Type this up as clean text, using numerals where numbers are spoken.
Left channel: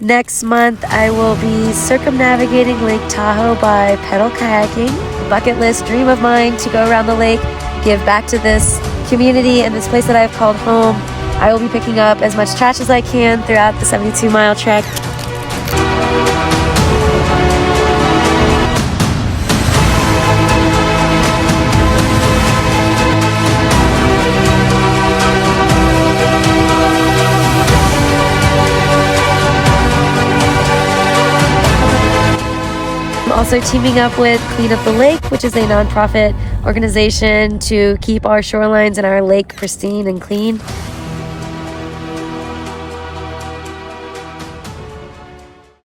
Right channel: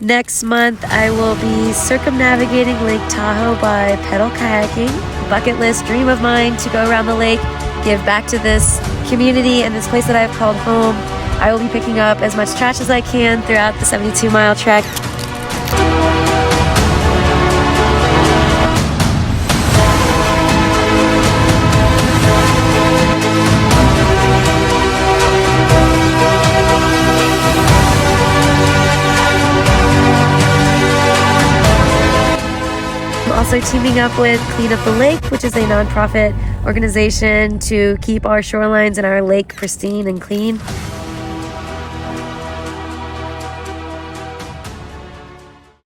Next month, I will be circumnavigating Lake Tahoe by pedal kayaking. A bucket list dream of mine to go around the lake, give back to this community and this place that I've called home. I will be picking up as much trash as I can throughout the 72-mile trek. I'm also teaming up with Clean Up the Lake, which is a nonprofit organization to keep our shorelines and our lake pristine and clean.